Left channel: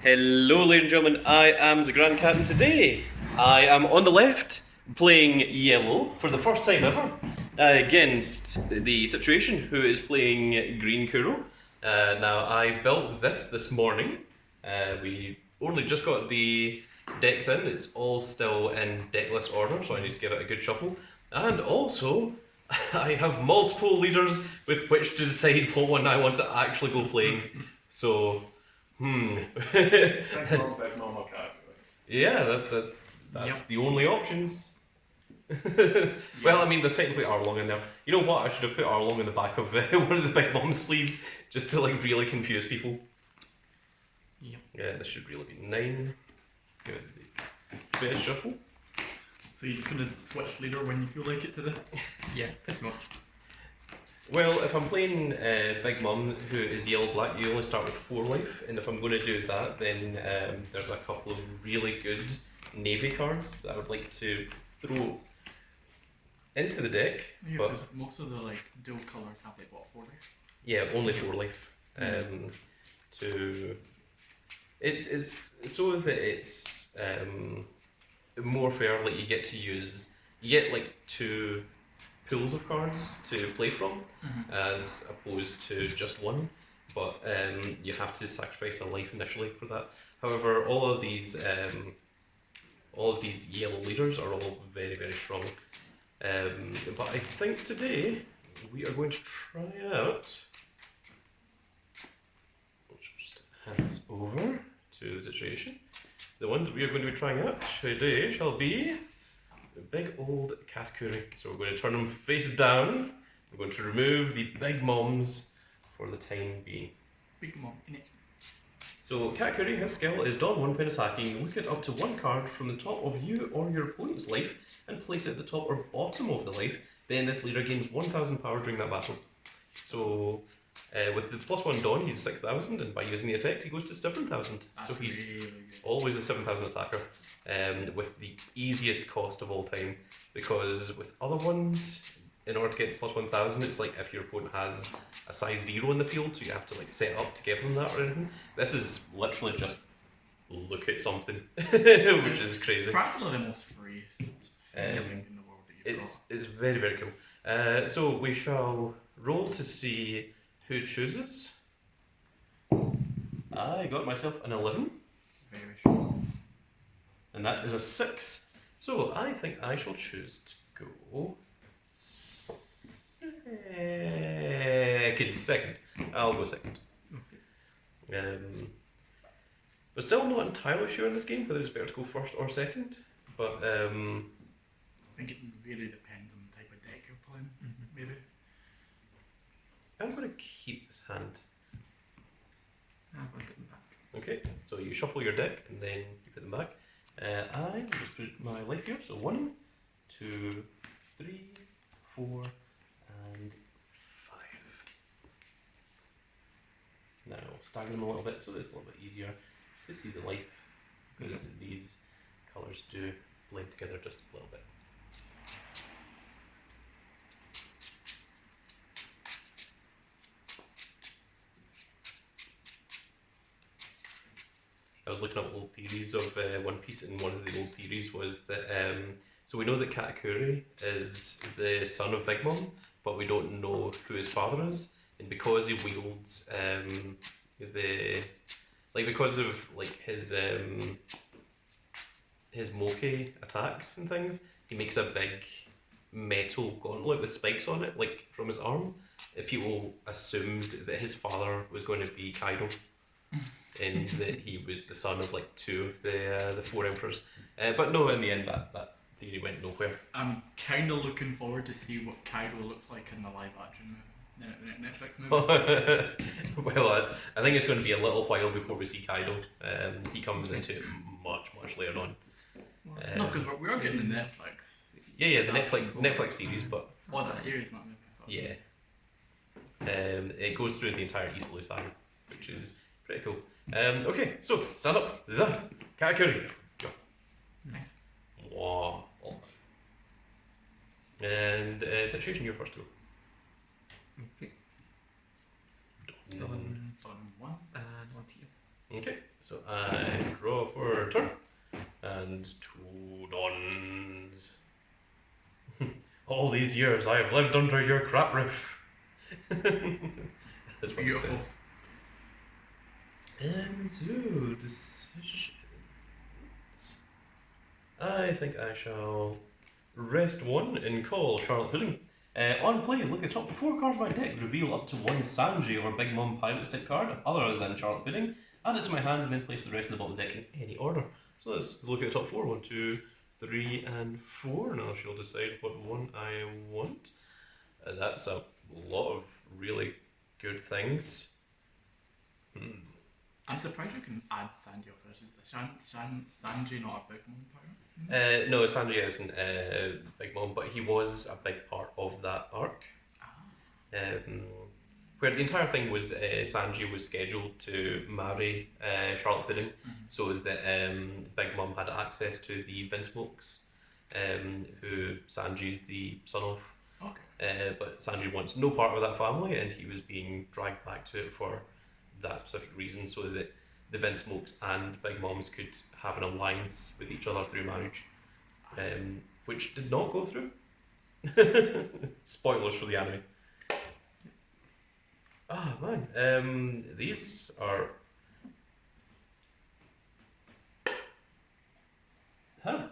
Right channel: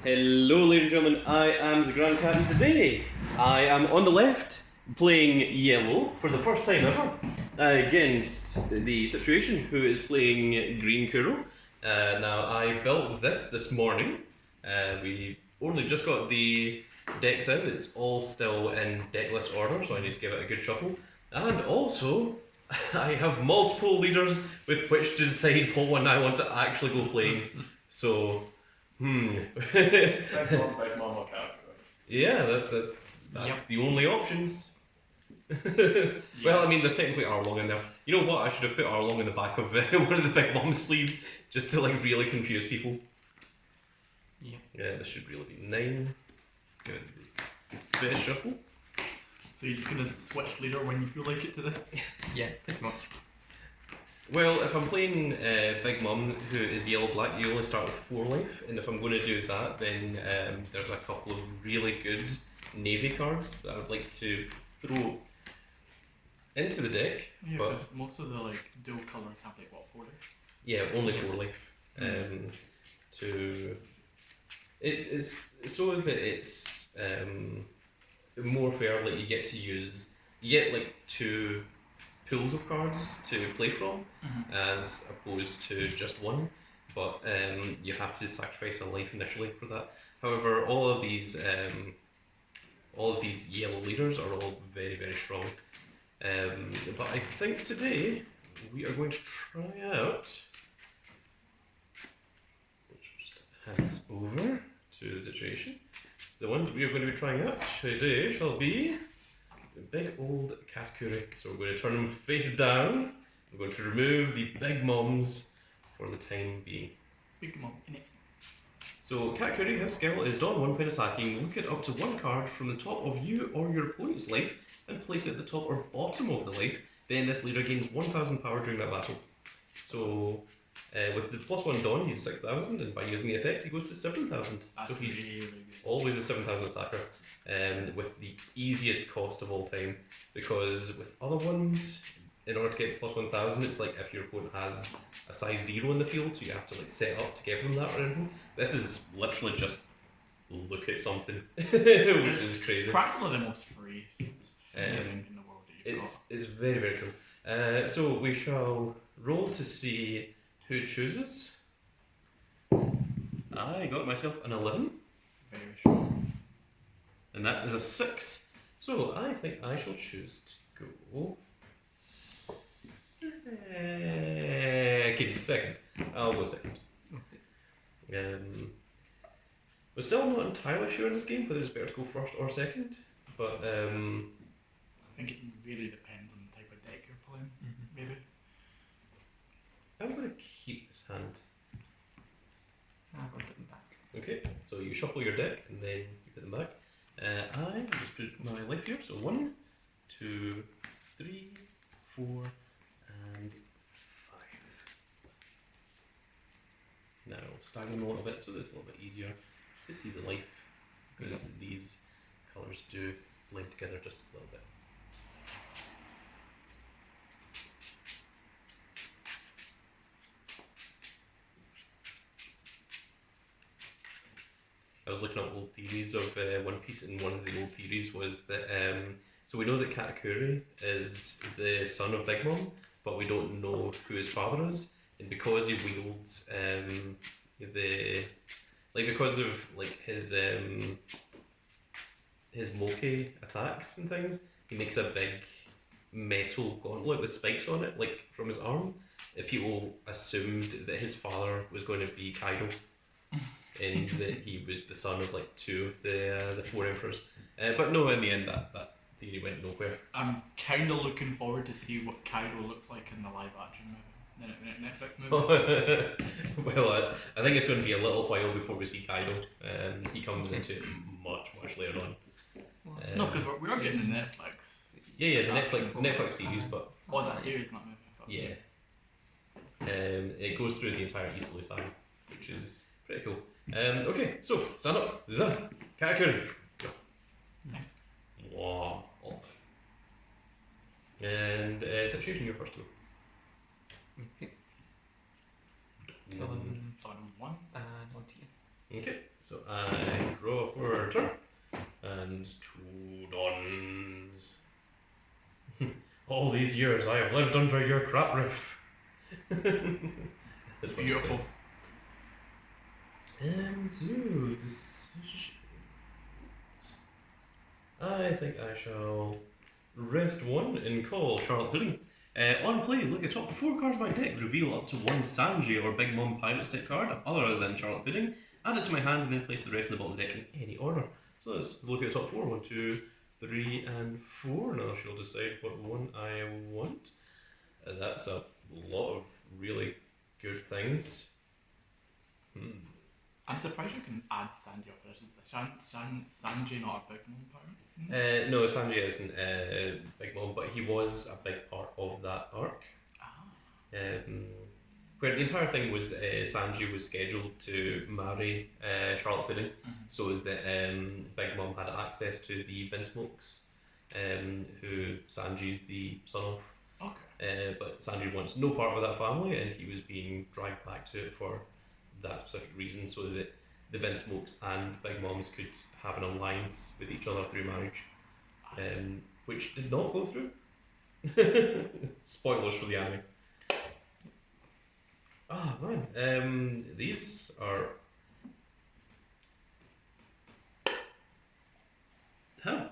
Hello, ladies and gentlemen. I am the Grand Captain. Today, I am on the left playing yellow for the first time ever against the Situation, who is playing green Kuro. Now, I built this morning. We only just got the decks in. It's all still in decklist order, so I need to give it a good shuffle. And also, I have multiple leaders with which to decide what one I want to actually go playing. So. Big mom or Katakuri. Yeah, that's Yep. the only options. Well, I mean, there's technically Arlong in there. You know what? I should have put Arlong in the back of one of the Big Mom sleeves just to like really confuse people. Yep. Yeah, this should really be 9. Good. Bit of shuffle. So you're just gonna switch leader when you feel like it today? Yeah, pretty much. Well, if I'm playing Big Mum, who is yellow-black, you only start with 4 life, and if I'm going to do that, then there's a couple of really good navy cards that I would like to throw into the deck. Yeah, but because most of the like dual colours have like what 40. yeah, only 4 life. To it's so that it's more fair. Like you get like 2 pools of cards to play from, as opposed to just one. But you have to sacrifice a life initially for that. However, all of these yellow leaders are all very, very strong. But I think today we are going to try out. Just hand this over to the Situation. The ones we are going to be trying out today shall be big old Katakuri. So we're going to turn them face down. We're going to remove the big moms for the time being. Big mom in it. So Katakuri, his skill is don 1 when attacking. Look at up to 1 card from the top of you or your opponent's life and place it at the top or bottom of the life. Then this leader gains 1000 power during that battle. So with the +1 don, he's 6000, and by using the effect, he goes to 7000. So he's really good. always a 7000 attacker, with the easiest cost of all time, because with other ones, in order to get the +1000, it's like if your opponent has a size 0 in the field, so you have to like set up to give them that or anything. This is literally just look at something, which is crazy. Practically the most free thing in the world that you've It's very, very cool. So we shall roll to see who chooses. I got myself an 11. got. Very strong. And that is a 6. So I think I shall choose to go second. I'll go second. We're still not entirely sure in this game whether it's better to go first or second. But I think it really depends on the type of deck you're playing, maybe. I'm going to keep this hand. I'll put them back. Okay, so you shuffle your deck and then you put them back. I will just put my life here. So 1, 2, 3, 4, and 5. Now stagger them a little bit so it's a little bit easier to see the life, because these colours do blend together just a little bit. I was looking at old theories of One Piece, and one of the old theories was that so we know that Katakuri is the son of Big Mom, but we don't know who his father is, and because he wields because of like his moke attacks and things, he makes a big metal gauntlet with spikes on it, like from his arm. People assumed that his father was going to be Kaido, and that he was the son of like 2 of the 4 emperors. But no, in the end, that theory went nowhere. I'm kind of looking forward to see what Kaido looks like in the live action movie, the Netflix movie. Well, I think it's going to be a little while before we see Kaido. He comes into it much later on. No, because we are getting the Netflix. Yeah, the Netflix series, but Oh, that series, not movie. yeah. It goes through the entire East Blue Saga, which is pretty cool. Okay, so stand up. The Katakuri. Nice. Wow. And Situation, you're first to go. Okay. Mm. Done. On 1. And 1 team. Okay. So I draw for a turn. And 2 dawns. All these years I have lived under your crap roof. That's what it Beautiful. says. So, decisions. I think I shall rest 1 and call Charlotte Pudding. On play, look at the top 4 cards of my deck, reveal up to 1 Sanji or Big Mom Pirate Stick card other than Charlotte Pudding, add it to my hand and then place the rest in the bottom of the deck in any order. So let's look at the top 4. 1, 2, 3 and 4. Now she'll decide what one I want. That's a lot of really good things. I'm surprised you can add Sanji off this. Is Sanji not a big mom pirate? No, Sanji isn't Big Mom, but he was a big part of that arc. Where the entire thing was Sanji was scheduled to marry Charlotte Pudding, so that Big Mom had access to the Vinsmokes, who Sanji's the son of. Okay. But Sanji wants no part of that family, and he was being dragged back to it for that specific reason, so that the Vinsmokes and Big Moms could have an alliance with each other through marriage, which did not go through. Spoilers for the anime. Ah man, these are. Huh.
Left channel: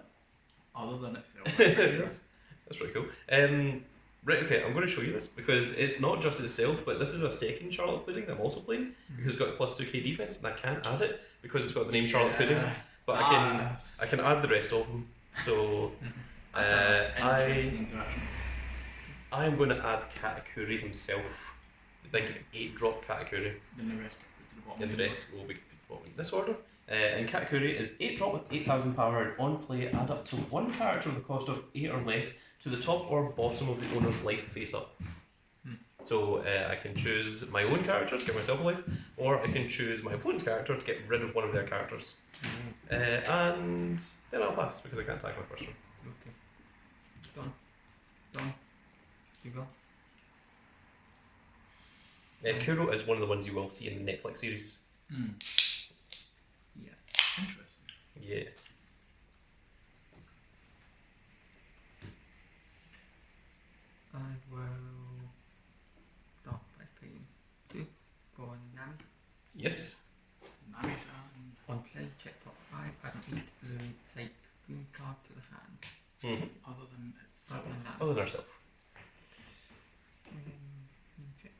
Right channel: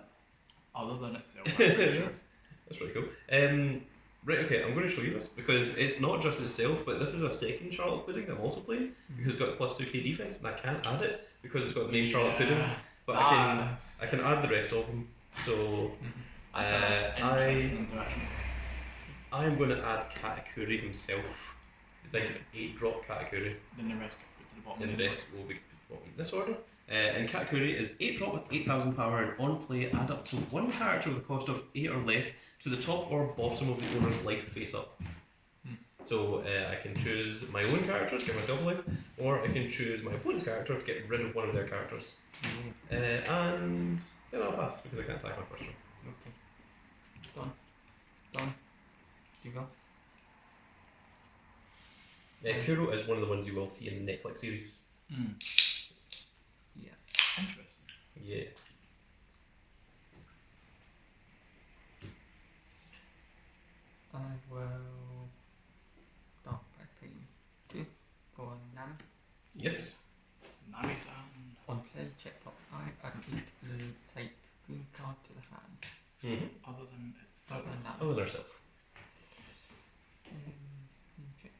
Other than itself, I'm pretty sure. That's pretty cool. Right, okay, I'm going to show you this because it's not just itself, but this is a second Charlotte Pudding that I'm also playing because it's got a plus 2k defense, and I can't add it because it's got the name Charlotte Pudding. But I can add the rest of them. So I'm going to add Katakuri himself. Like 8-drop Katakuri. Then the rest get put to the bottom. Then the rest will be put to the bottom in this order. And Katakuri is 8-drop with 8,000 power, and on play add up to 1 character with a cost of 8 or less to the top or bottom of the owner's life face up. So I can choose my own character to give myself a life, or I can choose my opponent's character to get rid of one of their characters. And then I'll pass because I can't attack my first one. Okay. Done. You go. Kuro is one of the ones you will see in the Netflix series. Yeah. Interesting. Yeah. I will start by playing 2 for Nami. Yes. Nami-san. On play, check top 5, add an 8 blue type green card to the hand. Other than itself. Other than that. Other than herself. Check.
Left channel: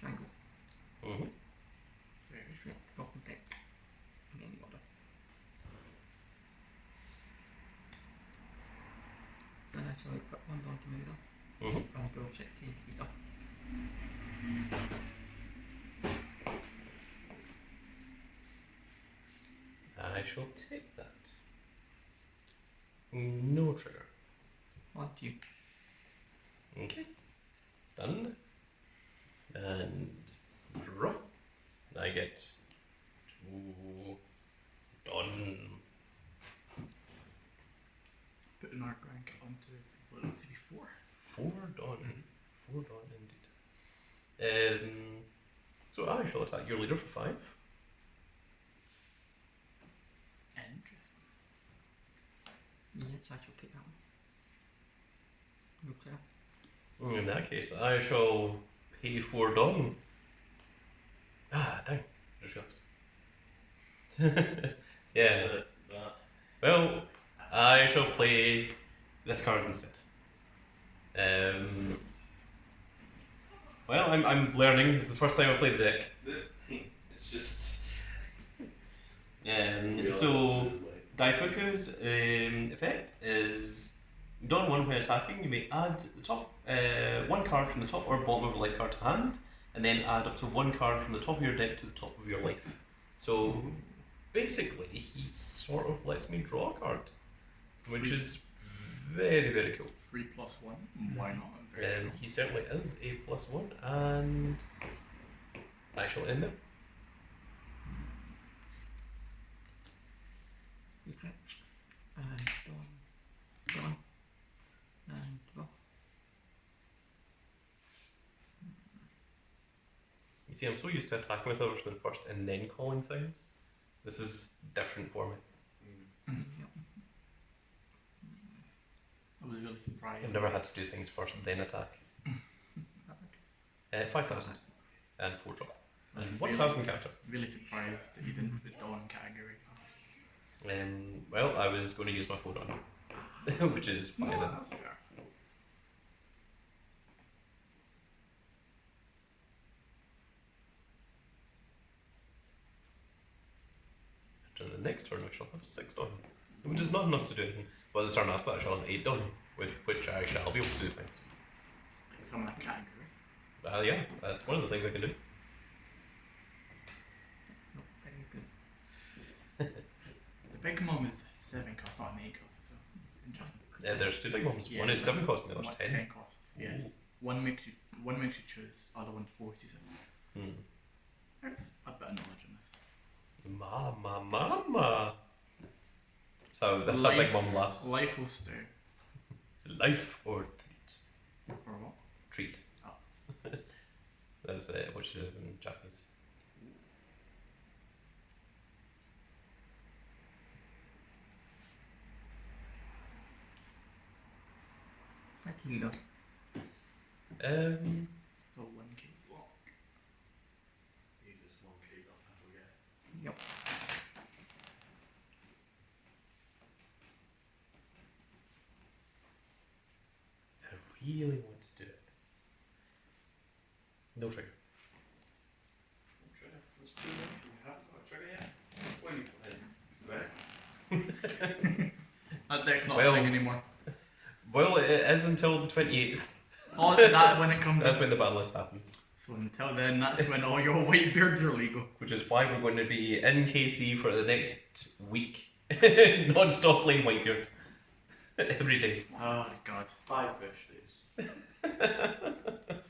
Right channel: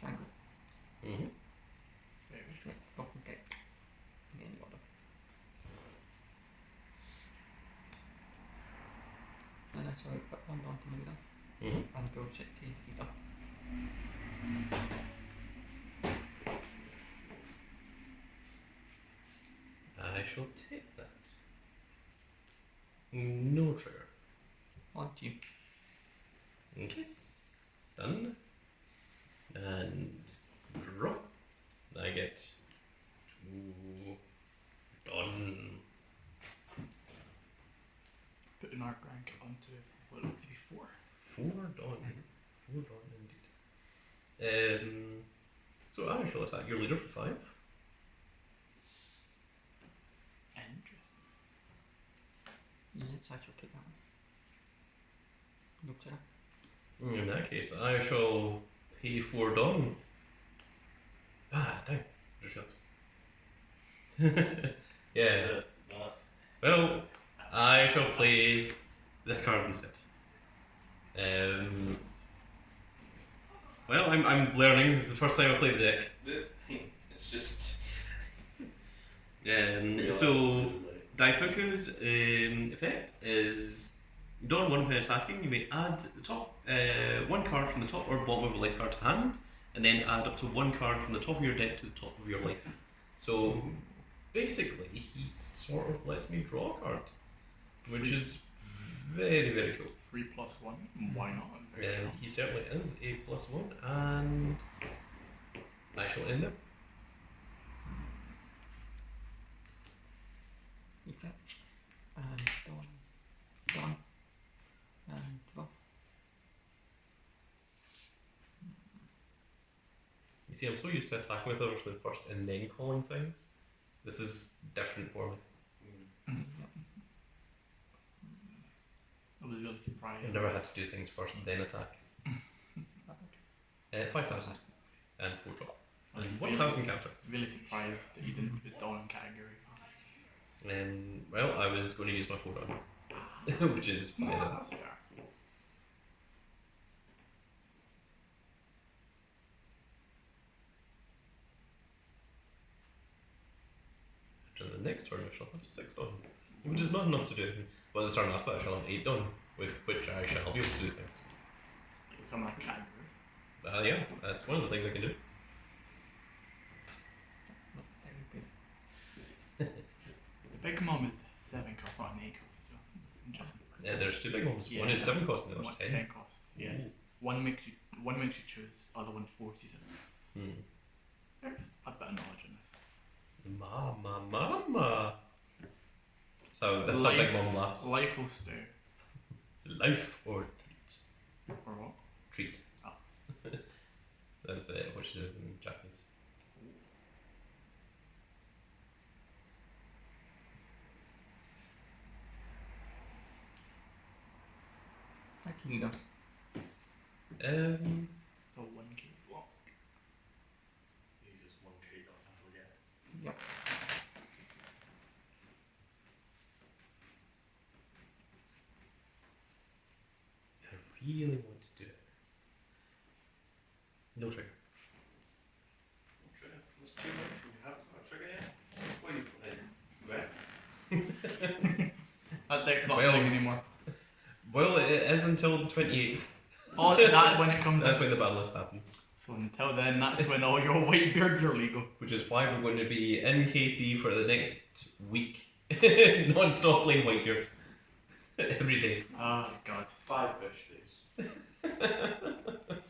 Triangle. Very Straight. Open deck. In any order. And I shall put 1 down to middle. And go check the feet up. I shall take that. No trigger. On to you. Okay. Stunned. And draw. And I get 2 done. Put an arc rank onto what looks to be 4. 4 done. 4 done indeed. So I shall attack your leader for 5. Interesting. Yes, I shall take that one. Look there. In that case, I shall pay 4 done. Ah, dang. Just realised. Yeah. Well, I shall play this card instead. Well, I'm learning. This is the first time I played the deck. It's just. So, Daifuku's effect is Dawn 1 when attacking, you may add the top 1 card from the top or bottom of a life card to hand, and then add up to 1 card from the top of your deck to the top of your life. So basically, he sort of lets me draw a card, which is very, very cool. 3+1. Why not? Very And strong. he certainly is a +1, and I shall end it. You fetch. And done. And draw. You see, I'm so used to attacking with everything first and then calling things. This is different for me. I was really surprised. I've never had to do things first and then attack. 5,000 and 4 drop. I was And really, 1,000 counter. really surprised that you didn't put Dawn Category fast. Well, I was going to use my 4 down, which is fine. No, that's fair. After the next turn, I shall have 6 down, which is not enough to do anything. Well, the turn after, I shall have 8 down, with which I shall be able to do things. Like some of that category. Yeah, that's one of the things I can do. Not very good. The big mom is 7 cost, not an 8 cost as well. Interesting. There's 2 big ones. Yeah, One is 7 cost and the other's 10. 10 cost. Yes. One makes you choose, other one forces it. There's a bit of knowledge in this. Mama. So that's how Big Mom laughs. Life will stew. Life or treat? Or what? Treat. Oh. That's what she says in Japanese. Like leader. It's a 1k block. Use this 1k dot and forget. Yep. I really want to do it. No trigger. Trigger. There's 2 more. You have got a trigger yet? What are you playing? Right? That deck's not Well- a thing anymore. Well, it is until the 28th. Oh, that when it comes That's in. when the battle list happens. So until then, that's when all your white beards are legal. Which is why we're going to be in KC for the next week. Non-stop playing Whitebeard. Every day. Oh god. 5 fish days.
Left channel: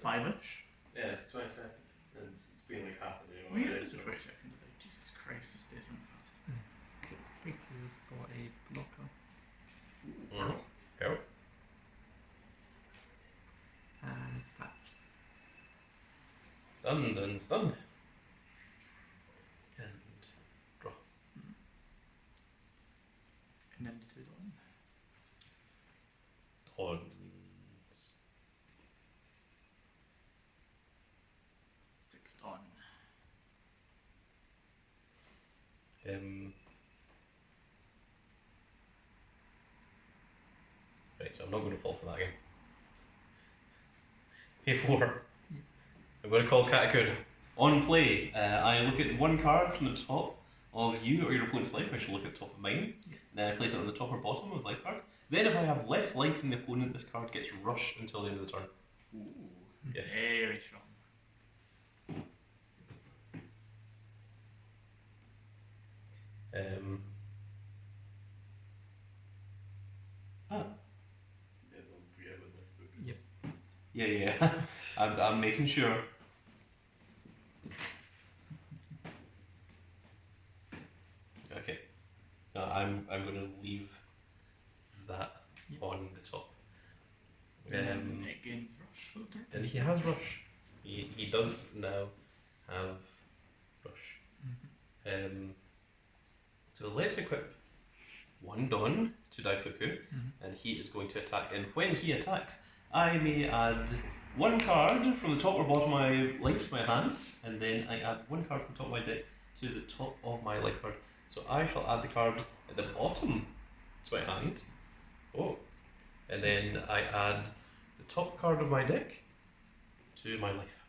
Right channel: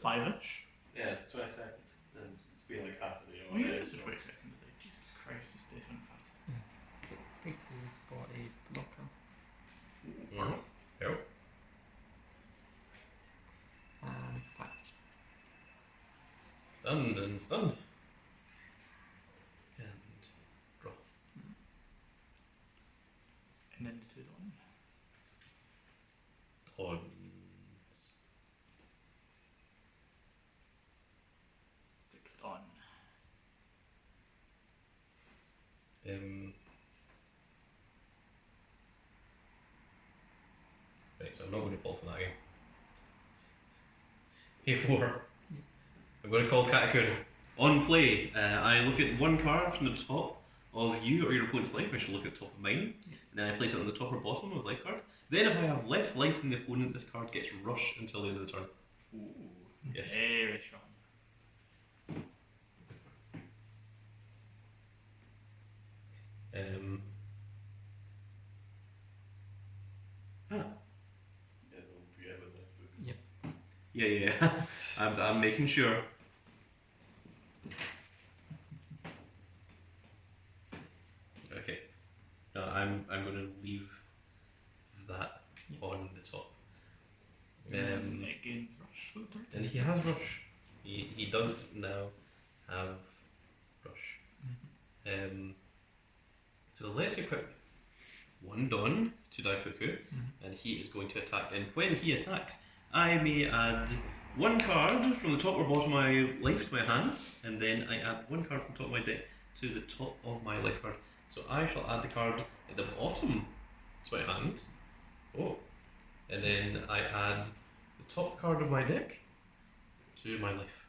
5-ish? Yeah, it's 22nd. And it's been like half a day Oh yeah, already, it's the so- 22nd today. Jesus Christ, this day's went fast. P2 for a blocker. Yep. And patch. Stunned and stunned. And draw. And then to Dawn. Horns. 6 Dawn. Right, so I'm not going to fall for that again. A4. I'm going to call Katakuri. On play, I look at one card from the top of you or your opponent's life. I should look at the top of mine. Then I place it on the top or bottom of life cards. Then if I have less life than the opponent, this card gets rushed until the end of the turn. Ooh. Yes. Very strong. Yeah, don't forget about life book. Yeah. I'm making sure. Okay. No, I'm going to leave that on the top. And it gains rush for the turn. And he has rush. He does now have rush. So let's equip one Dawn to Daifuku, and he is going to attack. And when he attacks, I may add one card from the top or bottom of my life to my hand, and then I add one card from the top of my deck to the top of my life card. So I shall add the card at the bottom to my hand. Oh. And then I add the top card of my deck to my life.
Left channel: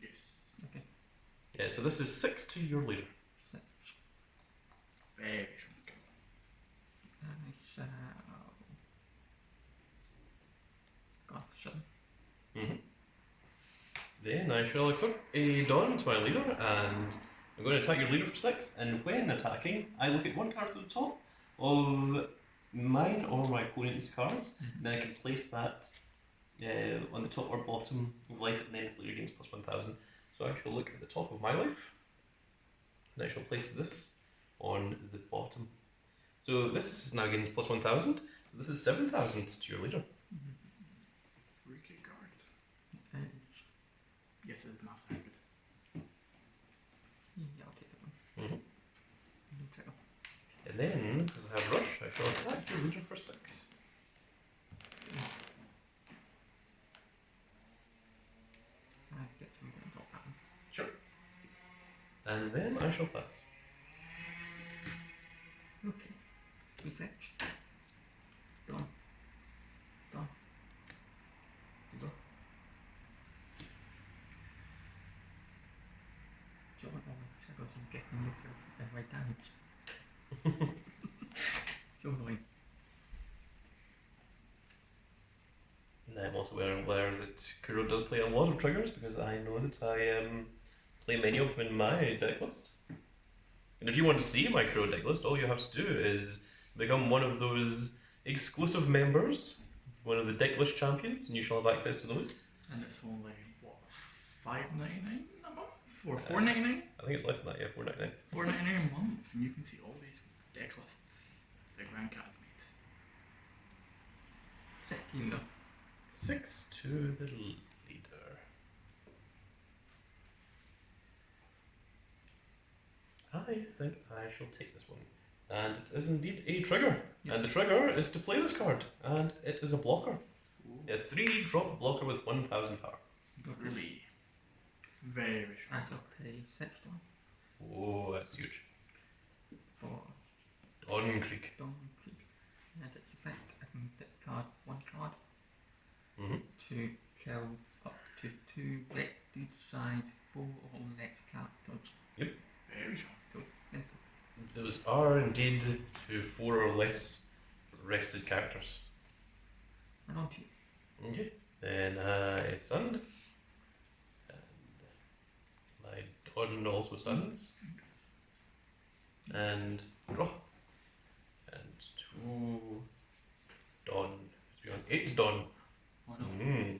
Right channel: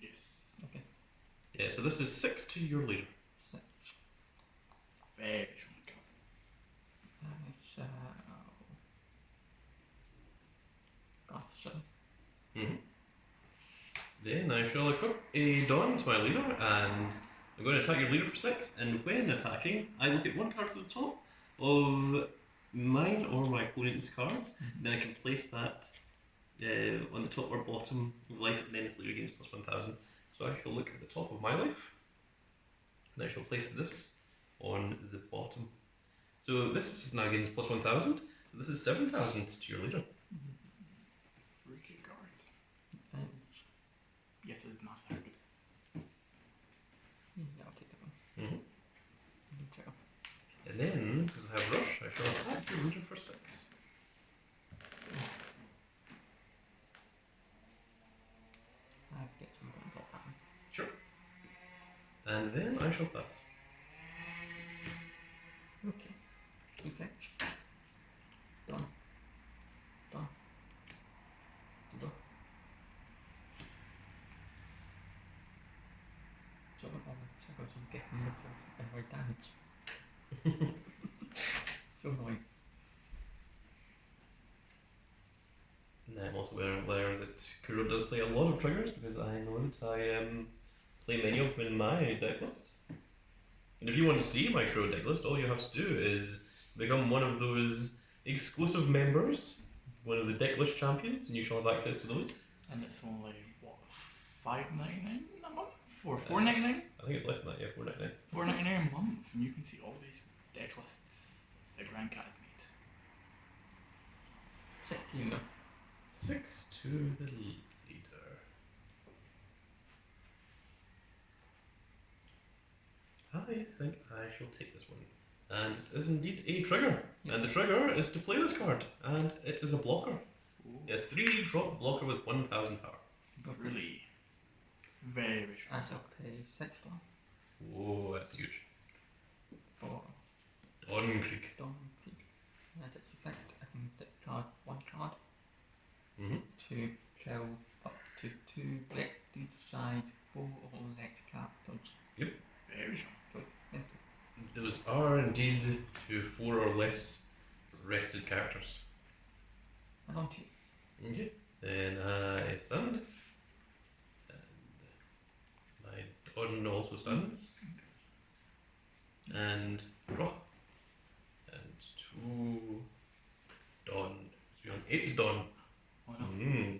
Yes. Okay. Yeah, so this is 6 to your leader. Very strong skill. I shall. God, shut up. Then I shall equip a Dawn to my leader, and I'm going to attack your leader for 6. And when attacking, I look at one card to the top of mine or my opponent's cards. Then I can place that on the top or bottom of life, and then its leader gains plus 1,000. So I shall look at the top of my life, and I shall place this on the bottom. So this is now gains plus 1,000. So this is 7,000 to your leader. It's a freaky card. Edge. Yes, it's massive. Yeah, I'll take that one. Mm-hmm. Neutral. And then, because I have rush, I shall attack your leader for 6. I get some on top of them. Sure. And then I shall pass. Okay. Effect. Done. Done. Go. Jump on the circles and get rid of every damage. So annoying. And I'm also aware that Kuro does play a lot of triggers because I know that I play many of them in my deck list. And if you want to see my Kuro deck list, all you have to do is become one of those exclusive members, one of the deck list champions, and you shall have access to those. And it's only, what, $5.99 a month? Or $4.99? I think it's less than that, yeah, 4.99. $4.99 a month, and you can see all these deck lists that Grand Cat has made. Set to you. 6 to the leader. I think I shall take this one. And it is indeed a trigger. Yep. And the trigger is to play this card. And it is a blocker. Ooh, A 3-drop blocker with 1,000 power. really very strong. I shall pay 6 down Oh, that's huge. for Dawn Creek. Dawn Creek. And its effect, I can discard 1 card Mm-hmm. to kill up to 2 each side 4 or less characters. Very strong. So, enter. Those are indeed to 4 or less rested characters. And on to you. Okay. Then I stand. And my Dawn also stands. And draw. And 2 Dawn. So we have 8 Dawn. Oh no. Mm.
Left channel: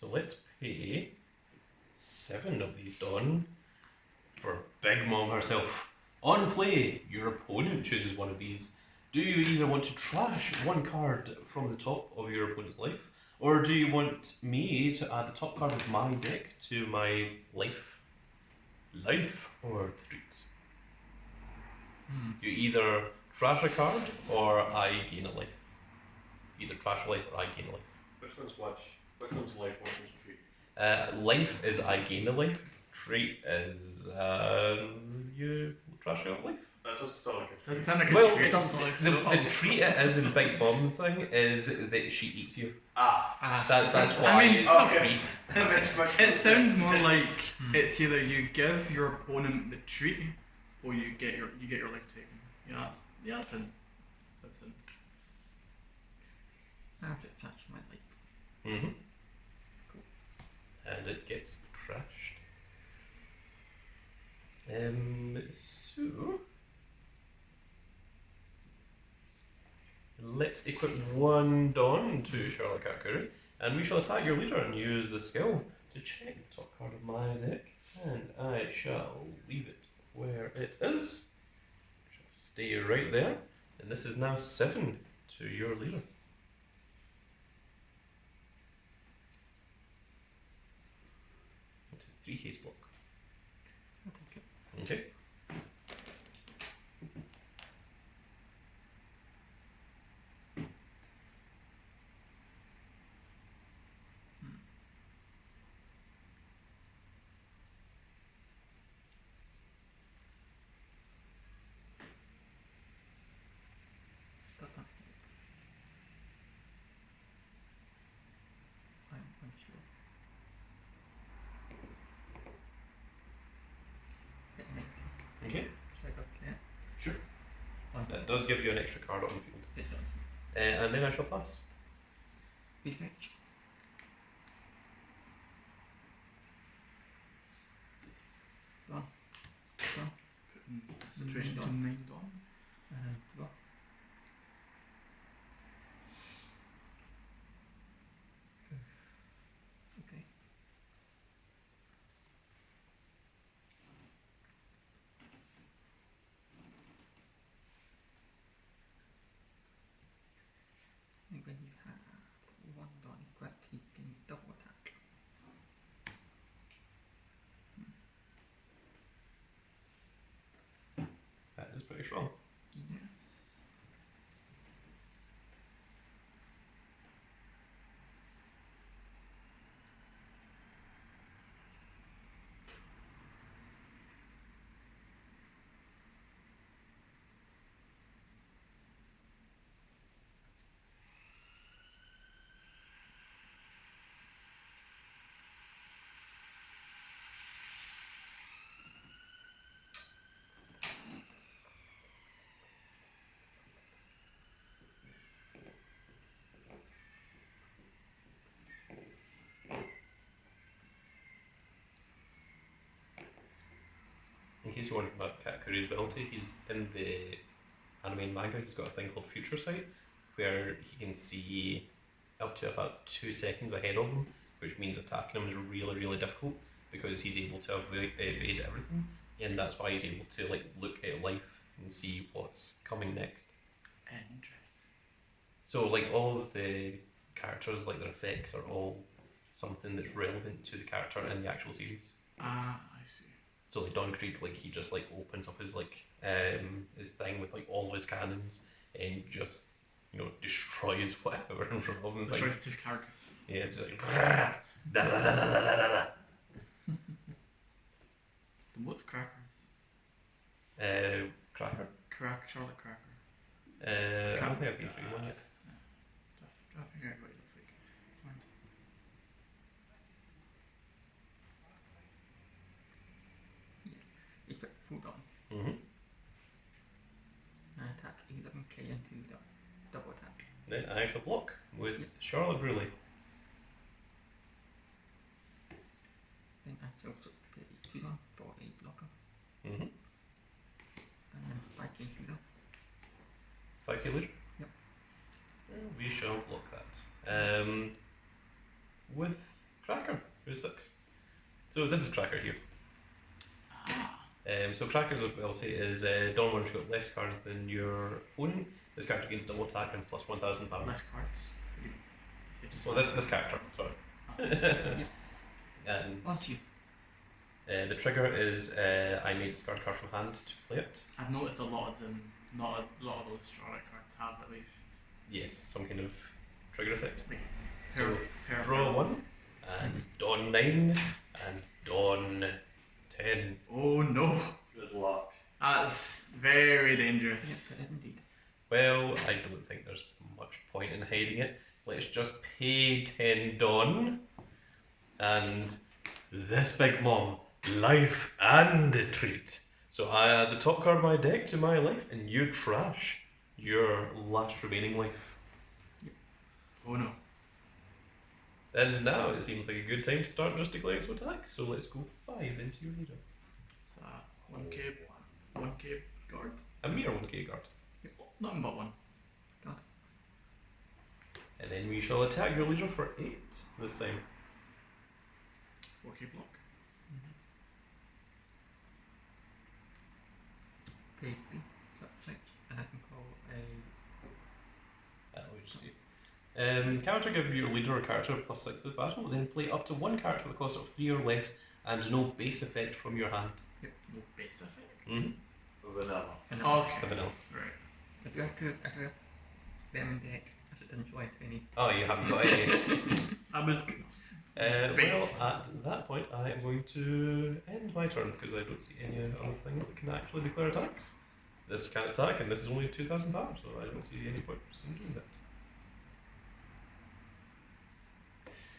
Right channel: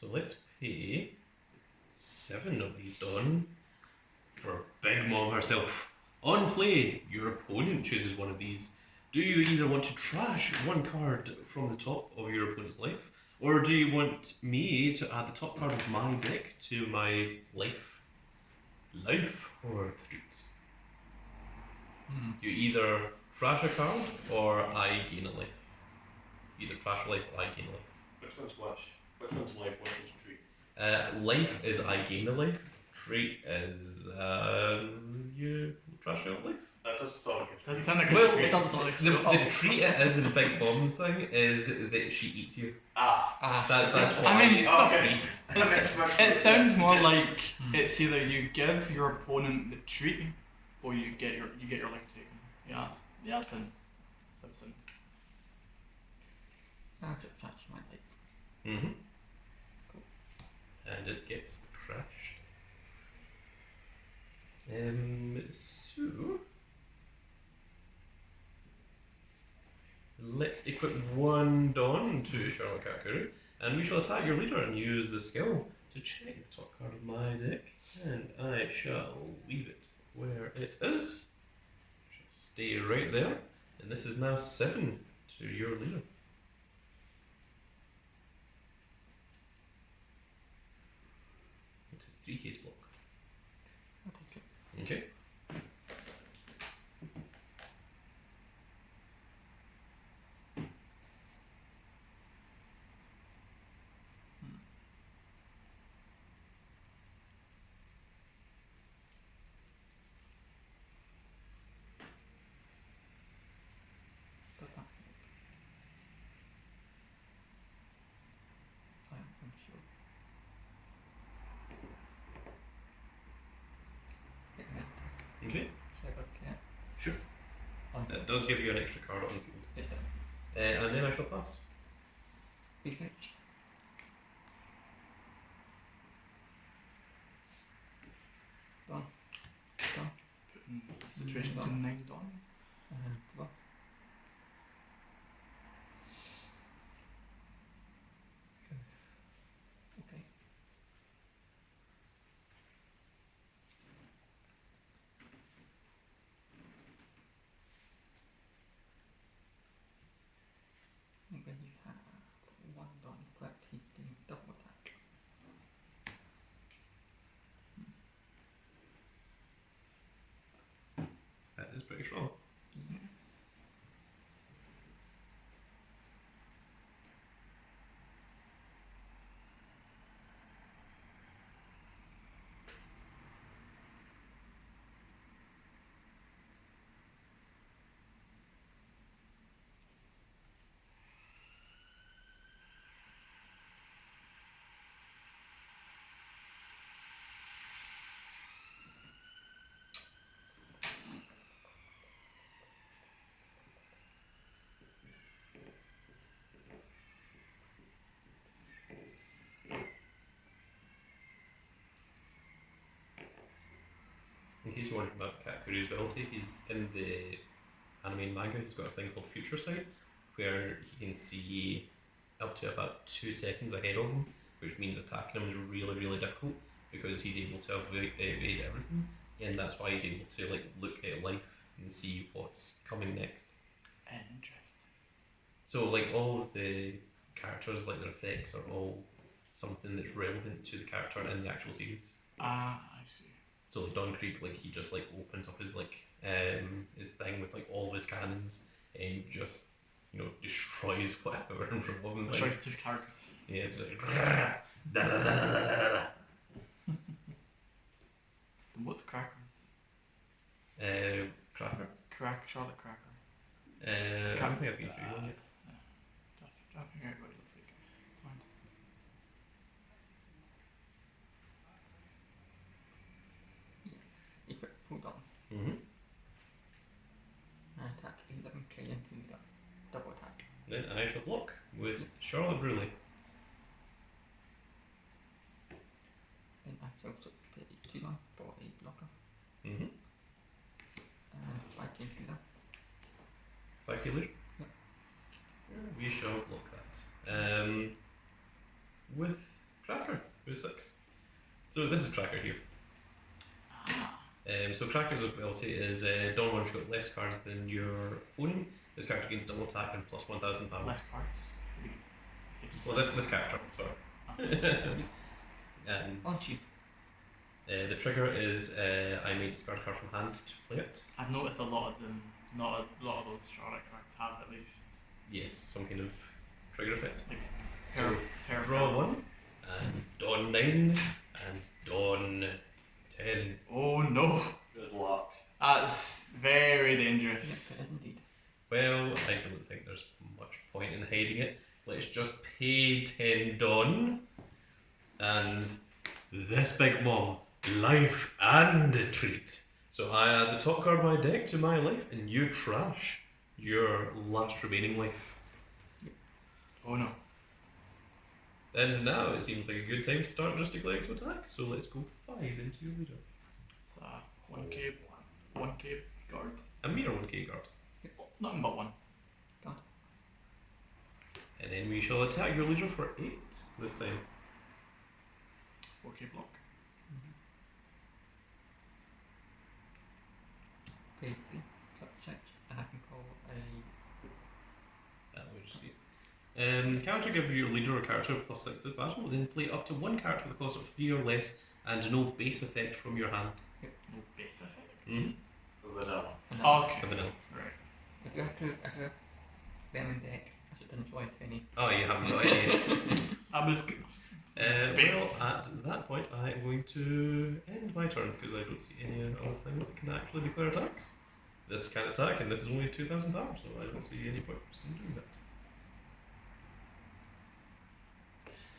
So let's pay 7 of these Dawn for Big Mom herself. On play, your opponent chooses one of these. Do you either want to trash 1 card from the top of your opponent's life, or do you want me to add the top card of my deck to my life? Life or treat? You either trash a card or I gain a life. Either trash a life or I gain a life. Which one's which? Which one's life? Which one's treat? Life is I gain the life. Treat is you trash your life. That does sound like a Doesn't treat. sound like a Well, treat. It doesn't like The treat it is in the Big Bomb thing is that she eats you. Ah. That's why I mean, it's a okay. treat. It sounds more like it's either you give your opponent the treat or you get your life taken. Yeah, that sounds sense. Now to touch my lights. Mm-hmm. Cool. And it gets crashed. So let's equip 1 Dawn to Charlotte Katakuri, and we shall attack your leader and use the skill to check the top card of my deck, and I shall leave it where it is. I shall stay right there, and this is now 7 to your leader. Which is 3 case block. I'll take it. Okay. Got that. I'm sure. Hit me. Okay. Check out cat. Sure. Fine. That does give you an extra card on the field. It done. And then I shall pass. Effect. Done. Done. Putting the situation to 9 Dawn. And draw. when you have one line grab, he can double attack. That is pretty strong. Yes. In case you're wondering about Katakuri's ability, he's in the anime and manga, he's got a thing called Future Sight, where he can see up to about 2 seconds ahead of him, which means attacking him is really, really difficult because he's able to evade everything, and that's why he's able to like look at life and see what's coming next. Interesting. So like all of the characters, like their effects are all something that's relevant to the character in the actual series. Ah, I see. So like Don Krieg, like he just like opens up his his thing with like all of his cannons and just destroys whatever in front of him. Destroys 2 characters. Yeah, it's like da, da, da, da, da, da, da. Then what's Crackers? Cracker. Charlotte Cracker. I Can't- think I'd be through one. Try to figure out what it looks like. Fine. Equip full on. Mm-hmm. I attack 11k into the double attack. Then I shall block with Charlotte Bruley. Then I shall switch to a 2 on for a blocker. Mm-hmm. And Viking healer. 5 killers. Yep. We shall block that. With Cracker, who's 6. So this is Cracker here. Ah. So Cracker's ability is Dawn when you've got less cards than your opponent. This character gains double attack and plus 1,000 power. Less cards. Well, this character, sorry. And Aren't you? the trigger is I may discard a card from hand to play it. I've noticed a lot of them. Not a lot of those Charlotte cards have at least. Yes, some kind of trigger effect. Like So pair draw 1, and Dawn 9, and Dawn 10. Oh no, Good luck. that's very Yes, dangerous. it is indeed. Well, I don't think there's much point in hiding it. Let's just pay 10 Dawn, and this big mom, life and a treat. So I add the top card of my deck to my life, and you trash your last remaining life. Oh no. And now it seems like a good time to start just declaring some attacks. So let's go 5 into your leader. It's a 1k guard. A mere 1k guard. Nothing but 1. And then we shall attack your leader for 8 this time. 4k block. Pay 3, subject, and I can call a. Let me just see. Character give your leader a character plus 6 to the battle, then play up to 1 character with a cost of 3 or less and no base effect from your hand. No base effect. Mm-hmm. Vanilla. Okay. Vanilla. Right. If you have to them in deck, as it doesn't join any. Oh, you haven't got any. I was. Well, Base. at that point, I am going to end my turn because I don't see any other things that can actually declare attacks. This can attack, and this is only 2,000 power, so I don't see any point in doing that.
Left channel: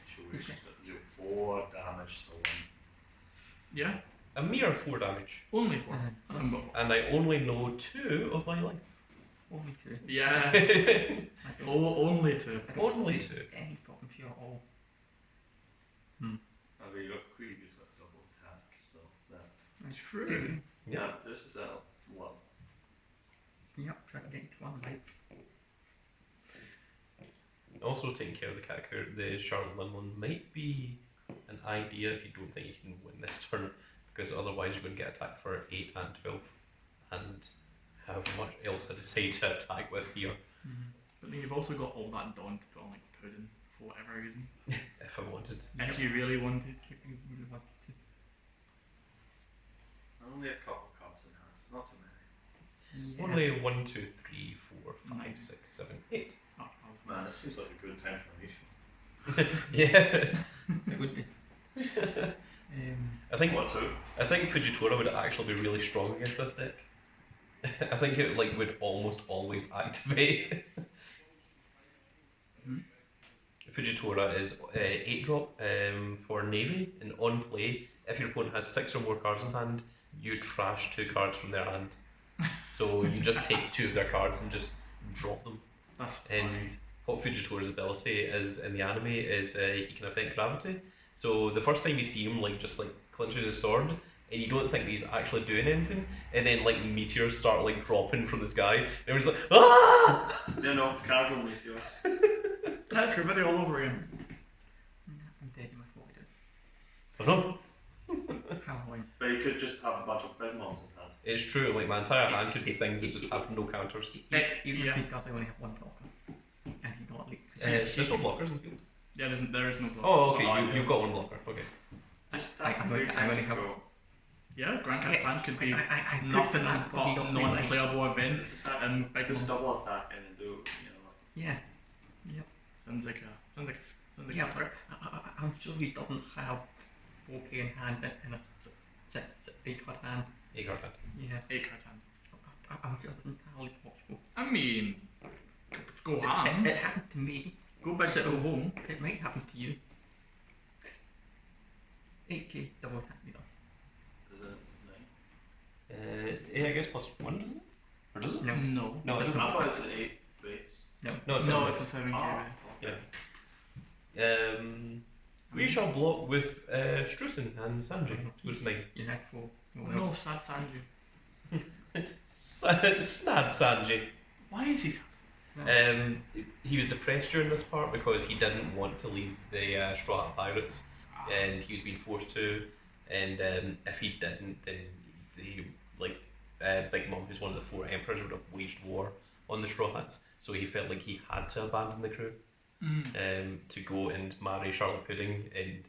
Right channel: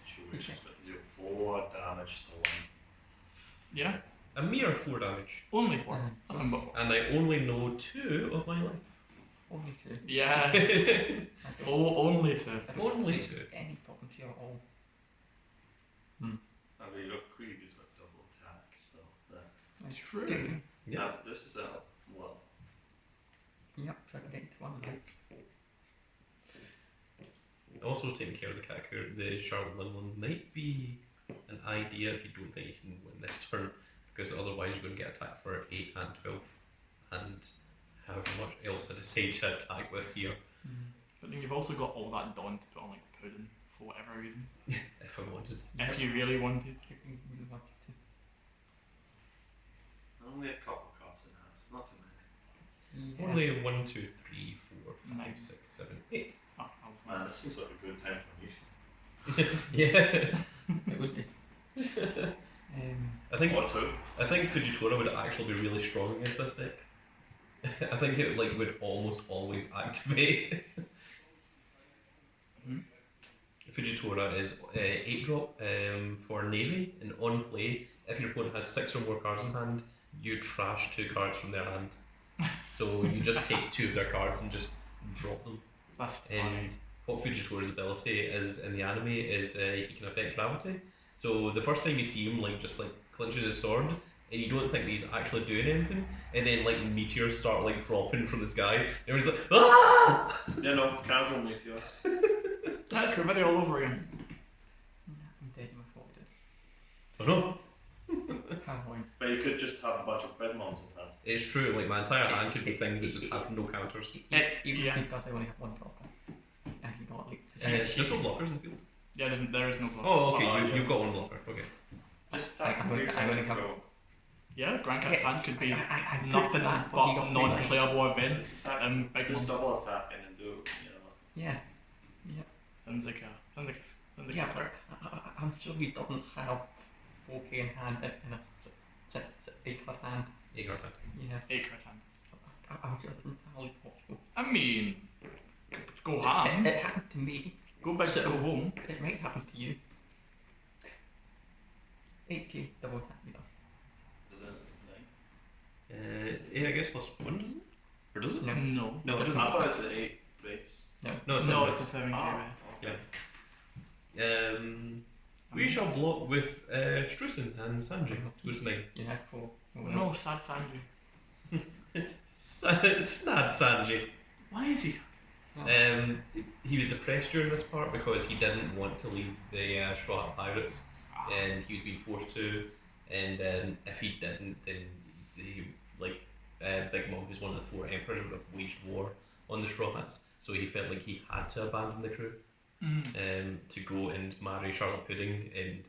Situation's got to do 4 damage to 1. Yeah. A mere 4 damage, Only 4. Uh, Nothing but 4. and I only know 2 of my life. Only 2. Yeah. I don't, Only 2. I don't Only see 2. any problems here at all. I mean, you got Krieg, who's got double attack, so that. I True. do. Yeah. This is a well. Yep, so I can get to 1 life. Also, taking care of the Katakuri, the Charlotte Lynn one might be an idea if you don't think you can win this turn, because otherwise you're going to get attacked for 8 and 12, and however much else I decide to attack with here. But mean, you've also got all that Dawn to put on like pudding for whatever reason. If I wanted. If you really wanted. If you really wanted to. Only a couple cards in hand, not too many. Yeah. Only 1, 2, 3, 4, 5, Nine. 6, 7, 8. Oh, I was Man, this seems like a good time for a nation. Yeah. It would be. I think What too? I think Fujitora would actually be really strong against this deck. I think it would almost always activate. Hmm? Fujitora is 8 drop for Navy, and on play, if your opponent has 6 or more cards in hand, you trash 2 cards from their hand. So you just take 2 of their cards and just drop them. That's funny. And what Fujitora's ability is in the anime is he can affect gravity. So the first time you see him just clenching his sword, and you don't think that he's actually doing anything, and then meteors start dropping from the sky, and everyone's like, ah! Yeah, no, casual meteors. That's graffiti all over again. I'm dead in my 40. I don't know. How long? But you could just have a bunch of big mons in hand. It's true, my entire hand could be things that just have no counters. Even yeah. if he does, I only have 1 blocker. And he got leaked. There's no blockers in the field. Yeah, there is no block. Oh, okay, Oh, you've got 1 blocker, okay. Just I attack only- 3 I only times have- go. Yeah, Grand Cat's hand could be I nothing that, but he got non-playable events. Big Just ones. double attack and then do, you know. Yeah. Sounds like Yeah, a but I'm sure he doesn't have 4K in hand and a 8 card hand. 8 card hand. Yeah. 8 card hand. I'm sure it's entirely possible. I mean, go ham. It happened to me. Go big, So- go home. It might happen to you. 8K double attack me though. Is it 9? Yeah, I guess +1, doesn't it? Or does it? No. No. No, it I doesn't. thought it's an 8 base. No, No, it's it's a 7k Ah. base. we shall block with Strusen and Sanji. Who's 9? You had 4. No, sad Sanji. Snad Sanji. Why is he sad? He was depressed during this part because he didn't want to leave the Straw Hat Pirates, and he was being forced to. And if he didn't, then Big Mom, who's one of the 4 emperors, would have waged war on the Straw Hats. So he felt like he had to abandon the crew to go and marry Charlotte Pudding and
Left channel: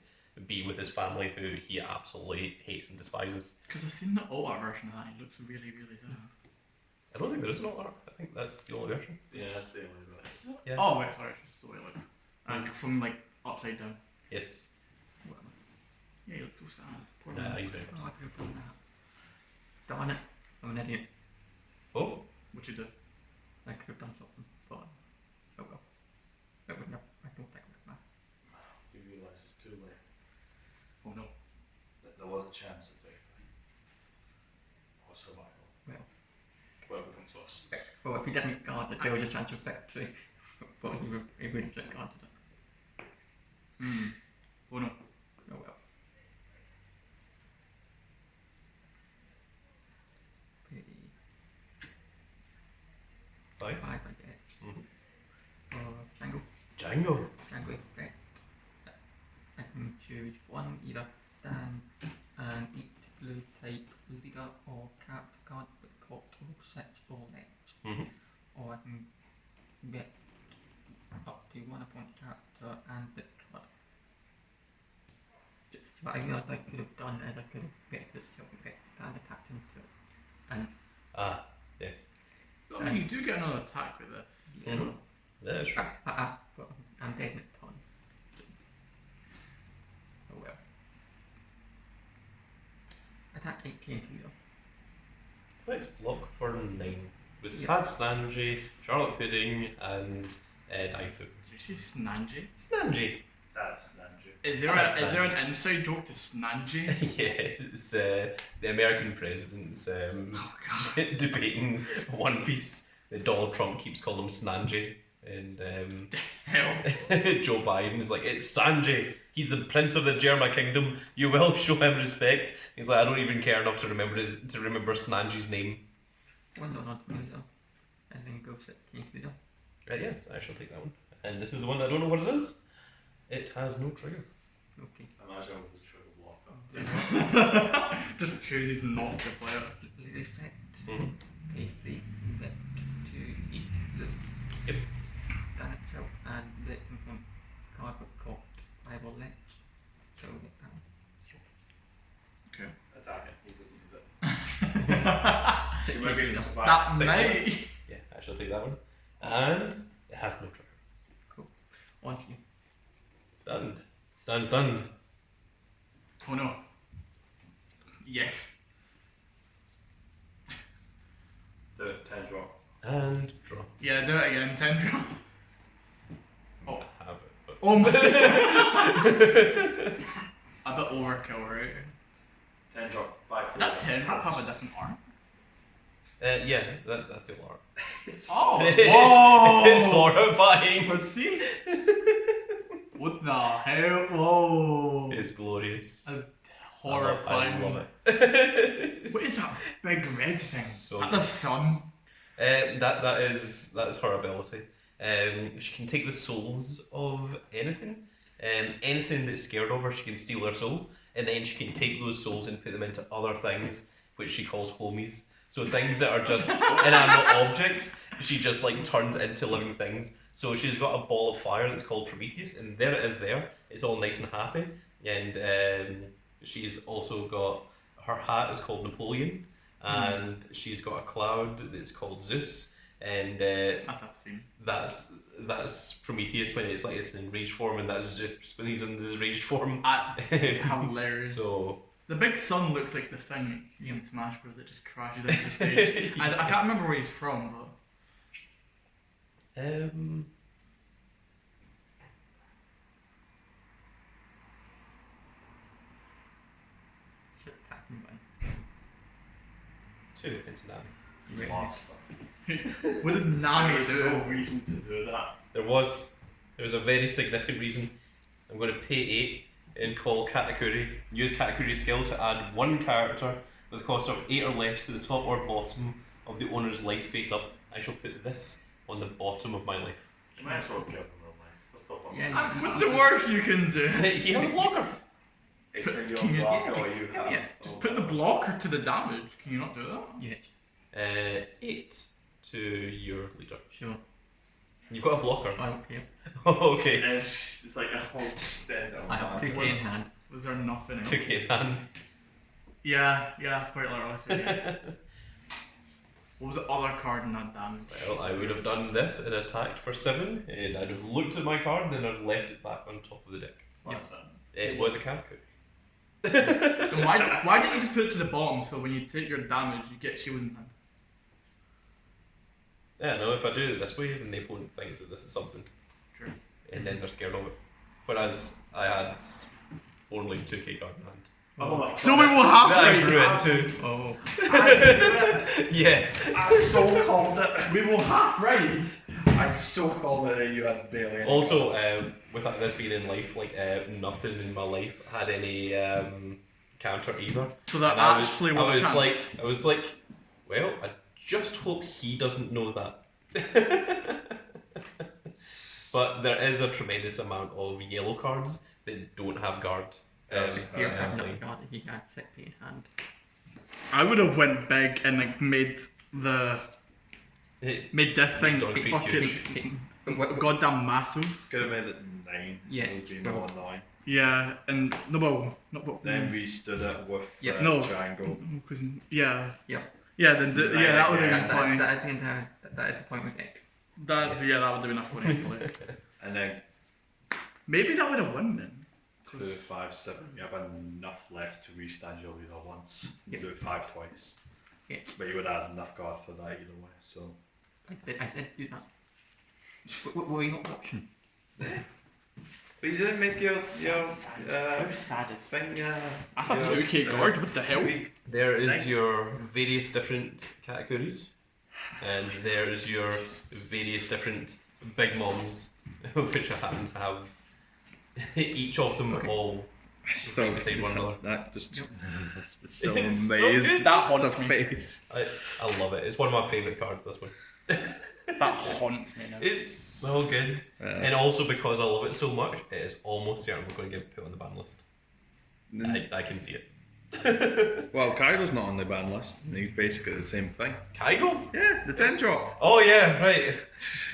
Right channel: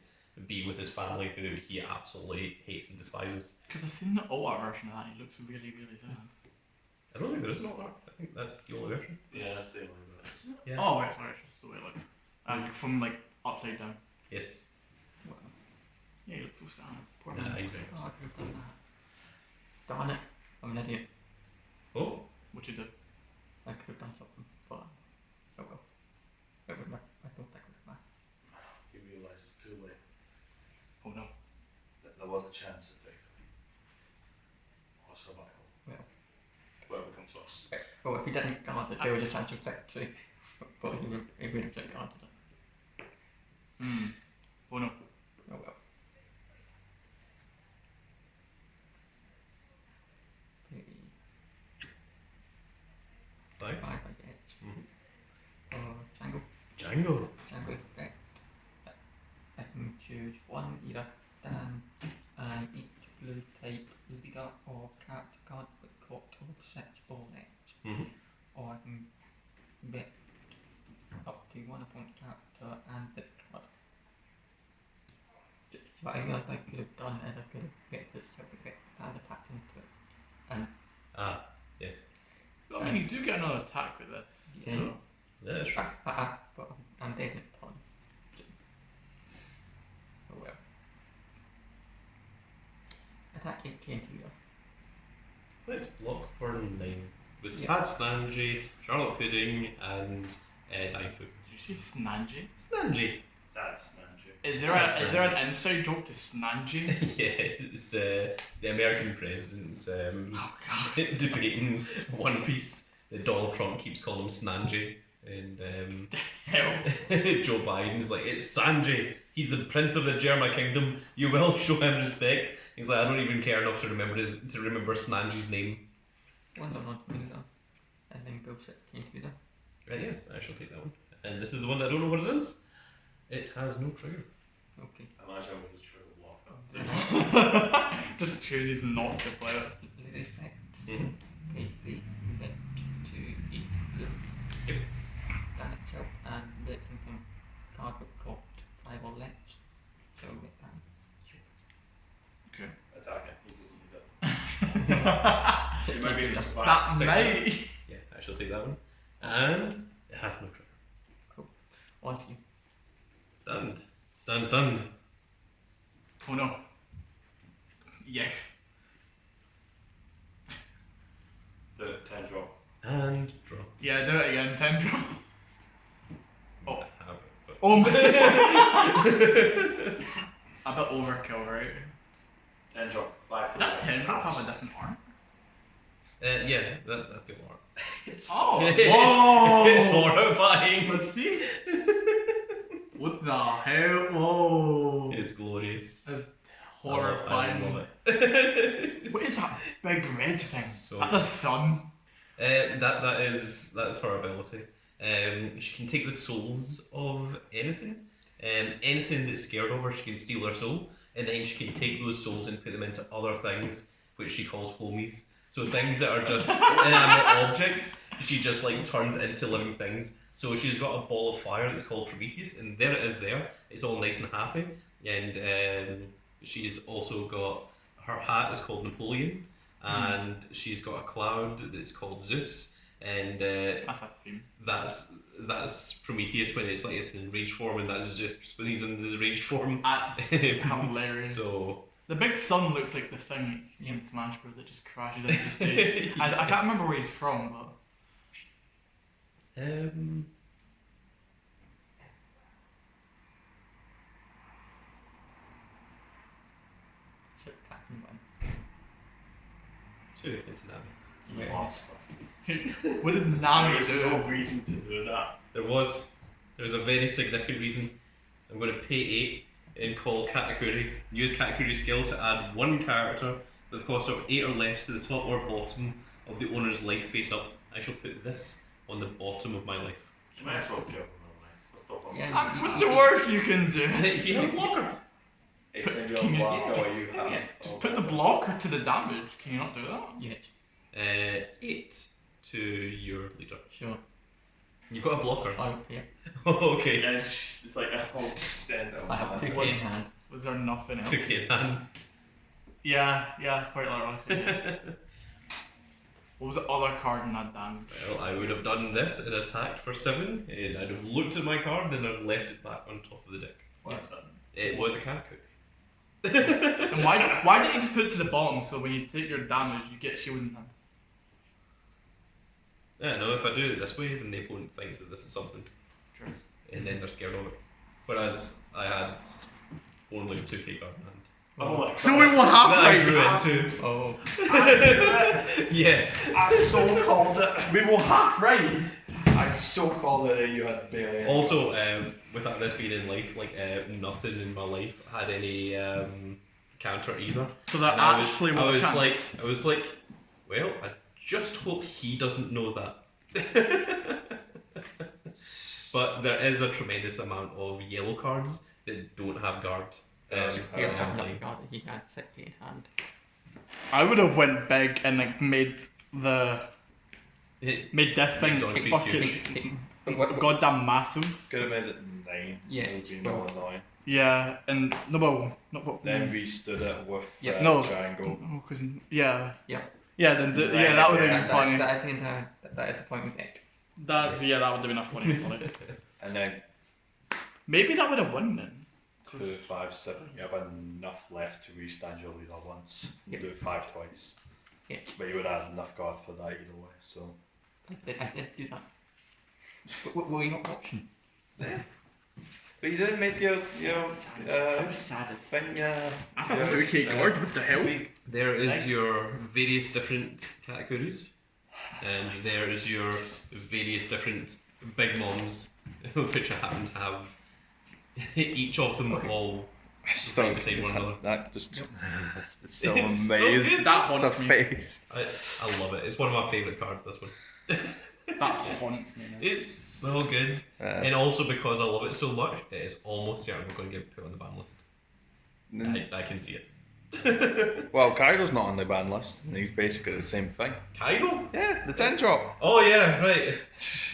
be with his family, who he absolutely hates and despises. Because I've seen the alt art version of that. He looks really, really sad. I don't think there is an alt art. I think that's the only version. Yeah, that's the only way. Yeah. Oh wait, sorry, it's just the way it looks. From upside down. Yes. Well, Yeah, he looks so sad. Poor Yeah, man. he's very I upset. could have done that. Darn it. I'm an idiot. Oh, What you do? I could have done something, but oh well. It would not, I don't think it would matter. You realise it's too late. Oh no. That there was a chance at victory. Or survival. Well. Whoever comes first. Well, if he didn't guard it, there was a chance of victory. But he would have just guarded it. Oh no. Oh well. Pretty 5. 5 I get. For Django. Django. Django effect. I can choose one either Dan and each blue type leader or character card with cost of 6 or less. Or I can bet up to 1 opponent character and the card. But I realised I could have done is I could have picked it self-effect and attacked into it. And Ah, yes. I mean, you do get another attack with this. Yeah. So. That's true. but I'm dead in a ton. Oh well. Attack 8k into leader. Let's block for 9 with Yeah. Sad Sanji, Charlotte Pudding, and Daifu. Did you say Snanji? Snanji. That's Nanju. Is Sad there Sanji. an inside joke to Snanji? Yeah, it's the American president's Oh god. debating One Piece. Donald Trump keeps calling him Snanji, and Hell. Joe Biden's like, it's Sanji. He's the prince of the Germa kingdom. You will show him respect. He's like, I don't even care enough to remember Snanji's name. One done onto leader. And then go 6k into leader. Yes, I shall take that one. And this is the one that I don't know what it is. It has no trigger. Okay. Imagine with the trigger blocker. Just chooses not to play it. Leader effect. Mm-hmm. Pay 3 red to each blue. Yep. fine. That 16. might. Yeah, I shall take that one. And it has no trigger. On to you. Stunned. Stunned. Oh no. Yes. Do it, 10 drop. And draw. Yeah, do it again. 10 drop. Oh. I have it, but... Oh my. A bit overkill, right? 10 drop. 5 Did that 10 drop have a different art? Yeah, that's the art. Oh! It's Whoa! horrifying. Let's see. What the hell? Whoa! It's glorious. That's I love horrifying. it. What is that big red thing? So Is that the sun? that's her ability. She can take the souls of anything. Anything that's scared of her, she can steal their soul, and then she can take those souls and put them into other things, which she calls homies. So things that are just inanimate objects, she just like turns into living things. So she's got a ball of fire that's called Prometheus, and there it is. There, it's all nice and happy. And she's also got her hat is called Napoleon, and she's got a cloud that's called Zeus, and That's a theme. that's Prometheus when it's like it's in rage form, and that's Zeus when he's in his rage form. That's hilarious. So the big sun looks like the thing you see in Smash Bros. That just crashes into the stage. I can't remember where he's from, but Should attack him one. 2 into Nami. Right. Monster. what did Nami There was do? no reason to do that. There was a very significant reason. I'm going to pay 8 and call Katakuri. Use Katakuri's skill to add 1 character with a cost of 8 or less to the top or bottom of the owner's life face up. I shall put this on the bottom of my life. You might as well kill him, really. Let's stop on Yeah. What's the worst you can do? He has a blocker. Extend your Can you- block, yeah, or you have. yeah. Just put the blocker to the damage. Can you not do that? Yeah. 8 to your leader. Sure. You've got a blocker. Fine. Yeah. Okay. Yeah, it's like a whole stand I have 2K in Was- hand. Was there nothing else? 2k in hand. Yeah, quite literally. Yeah. What was the other card in that damage? Well, I would have done this and attacked for 7, and I'd have looked at my card, then I'd left it back on top of the deck. What's that? It was a Katakuri. Then why didn't you just put it to the bottom so when you take your damage you get shield in hand? Yeah, no, if I do it this way, then the opponent thinks that this is something, True. and then they're scared of it. Whereas I had only 2k card in hand. Oh my god. So we will That I half drew right. into. Oh. Yeah. I so called it. We will half right. I so called it that you had barely any Also, cards. without this being in life, like nothing in my life had any counter either. So that And I actually was a chance. I was like, well, I just hope he doesn't know that. But there is a tremendous amount of yellow cards that don't have guard. He had in hand play. up guard. He had 60 in hand. I would have went big and like made this thing Don't feel fucking huge. goddamn massive. Could have made it 9. Yeah, It would be well. another 9. Yeah, and no, well, not but Then we stood it with Yeah. No. triangle. Oh, cause yeah. Yeah. Yeah, then yeah, that would have been And funny. that at the entire that at the point we get. That's yeah, that would have been a funny play. And then Maybe that would have won then. 2, 5, 7. You have enough left to restand your leader once. You Yeah. do 5 twice. Yeah. But you would have enough guard for that either way. So I did do that. But were you not watching? But you didn't make your How sad is thing, yeah. That's a 2k guard. What the hell? There is Right. your various different Katakuris, and there is your various different big moms, which I happen to have each of them Okay. all right beside one another. That just Yep. it's so It's so amazing. good. That the haunts me. face. I love it. It's one of my favourite cards, this one. That haunts me now. It's so good. And also because I love it so much, it is almost certain we're going to get put on the ban list. I can see it. Well, Kaido's not on the ban list, and he's basically the same thing. Kaido? Yeah, the 10 drop. Oh yeah, right.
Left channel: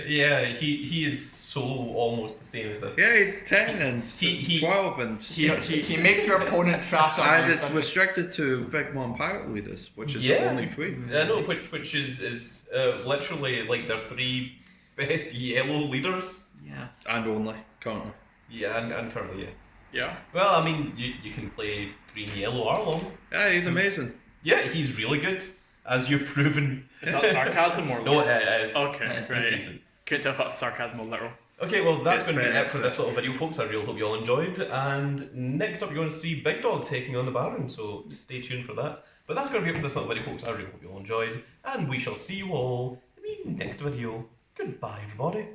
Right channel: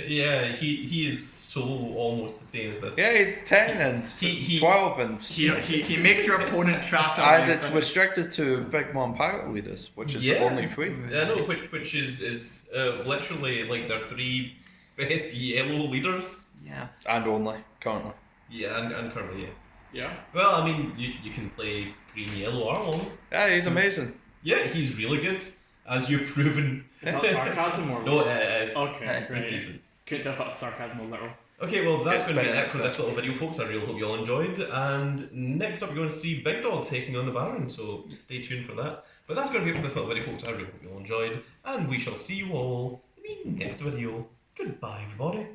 Yeah, he is so almost the same as this. Yeah, he's 10 and He- 12 and... He makes your opponent trash out. And it's restricted to Big Mom Pirate Leaders, which is Yeah. only 3. Yeah, no, which is literally like their 3 best yellow leaders. Yeah. And only, currently. Yeah, and currently, yeah. Yeah. Well, I mean, you can play green yellow Arlong. Yeah, he's amazing. Yeah, he's really good, as you've proven. Is that sarcasm or No, literal? it is. Okay, It's right. decent. Couldn't tell if that's sarcasm or literal. Okay, well, that's It's going to be better it for this little video, folks. I really hope you all enjoyed. And next up, you're going to see Big Dog taking on the Baron, so stay tuned for that. But that's going to be it for this little video, folks. I really hope you all enjoyed, and we shall see you all in the next video. Goodbye, everybody.